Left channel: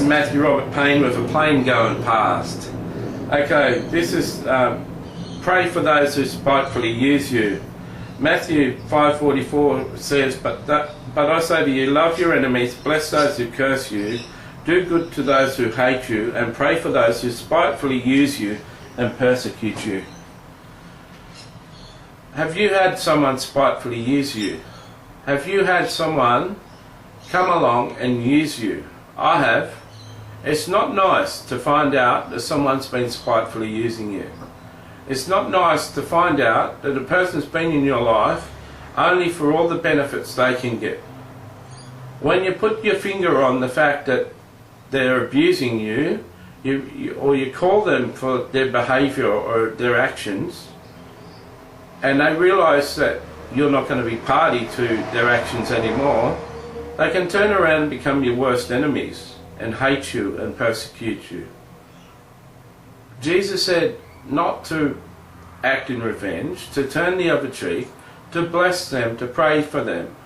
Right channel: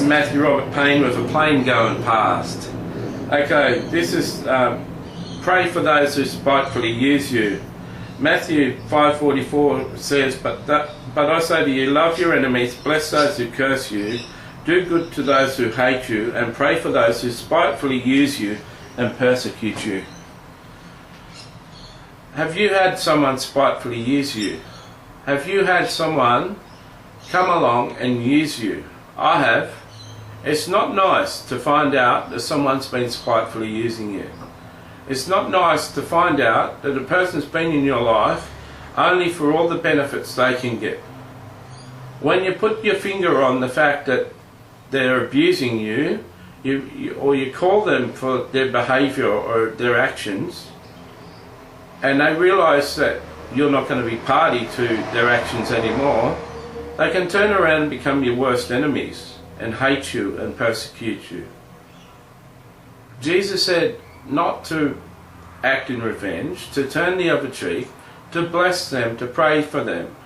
is Matthew Robert Payne with a plane going past. Okay, this is pray for those who spitefully use you. Matthew 5:44 says, but I say to you, love your enemies, bless those who curse you, do good to those who hate you, and pray for those who spitefully use you and persecute you. Have you had someone spitefully use you? Have you had someone come along and use you? I have. It's not nice to find out that someone's been spitefully using you. It's not nice to find out that a person's been in your life only for all the benefits they can get. When you put your finger on the fact that they're abusing you, or you call them for their behaviour or their actions, and they realise that you're not going to be party to their actions anymore, they can turn around and become your worst enemies and hate you and persecute you. Jesus said not to act in revenge, to turn the other cheek, to bless them, to pray for them,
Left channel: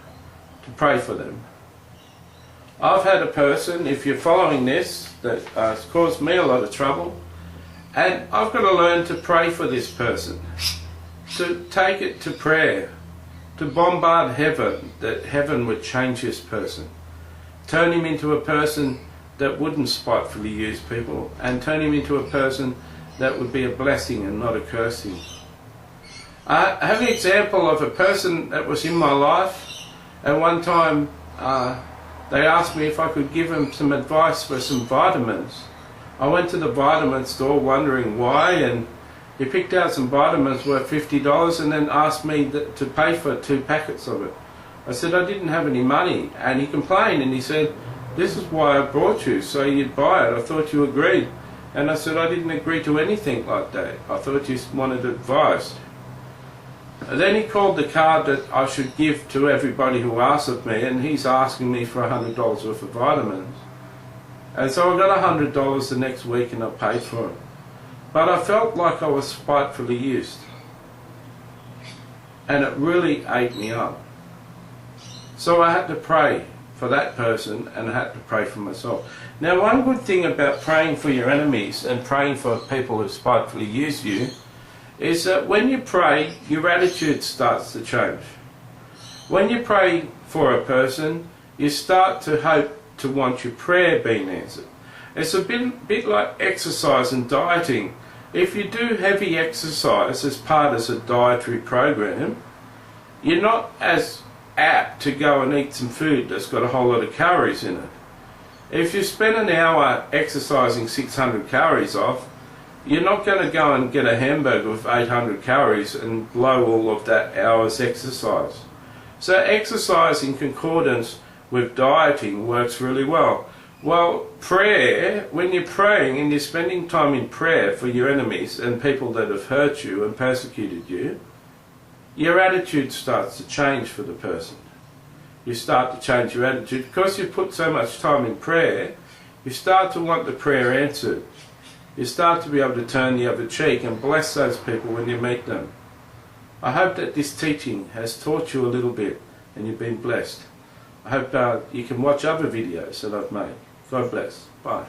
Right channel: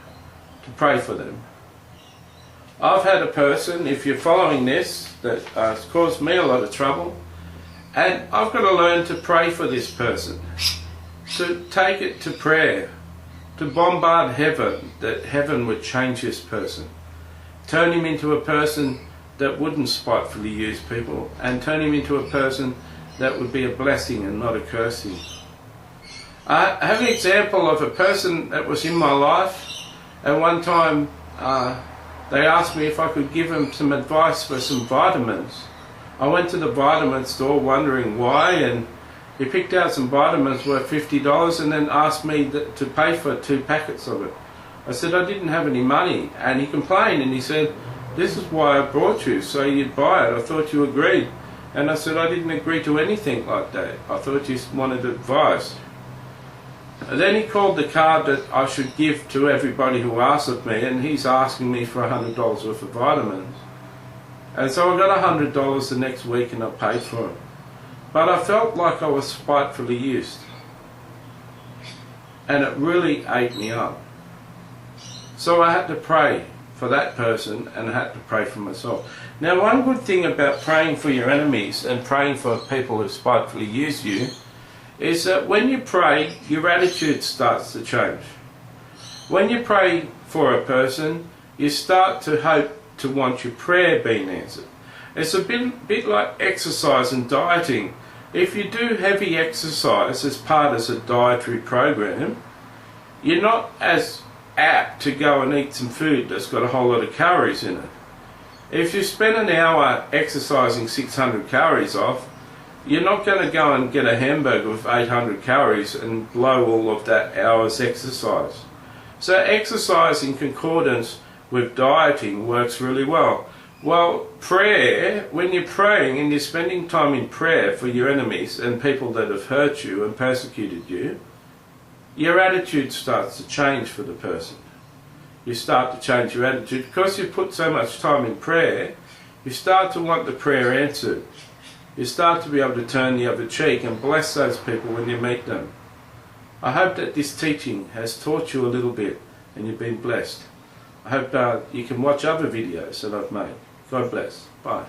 I've had a person, if you're following this, that has caused me a lot of trouble, and I've got to learn to pray for this person, to take it to prayer, to bombard heaven, that heaven would change this person, turn him into a person that wouldn't spitefully use people, and turn him into a person that would be a blessing and not a cursing. I have an example of a person that was in my life, and one time they asked me if I could give them some advice for some vitamins. I went to the vitamin store wondering why, and he picked out some vitamins worth $50 and then asked me to pay for 2 packets of it. I said I didn't have any money, and he complained and he said, "This is why I brought you, so you'd buy it. I thought you agreed." And I said I didn't agree to anything like that. I thought you wanted advice. And then he called the card that I should give to everybody who asks of me, and he's asking me for $100 worth of vitamins. And so I got $100 the next week and I paid for it. But I felt like I was spitefully used. And it really ate me up. So I had to pray for that person, and I had to pray for myself. Now, one good thing about praying for your enemies and praying for people who spitefully use you is that when you pray, your attitude starts to change. When you pray for a person, you start to hope to want your prayer being answered. It's a bit like exercise and dieting. If you do heavy exercise as part of a dietary program, you're not as apt to go and eat some food that's got a whole lot of calories in it. If you spend an hour exercising 600 calories off, you're not going to go and get a hamburger with 800 calories and blow all of that hour's exercise. So exercise in concordance with dieting works really well. Well, prayer, when you're praying and you're spending time in prayer for your enemies and people that have hurt you and persecuted you, your attitude starts to change for the person. You start to change your attitude. Because you put so much time in prayer, you start to want the prayer answered. You start to be able to turn the other cheek and bless those people when you meet them. I hope that this teaching has taught you a little bit and you've been blessed. I hope you can watch other videos that I've made. God bless. Bye.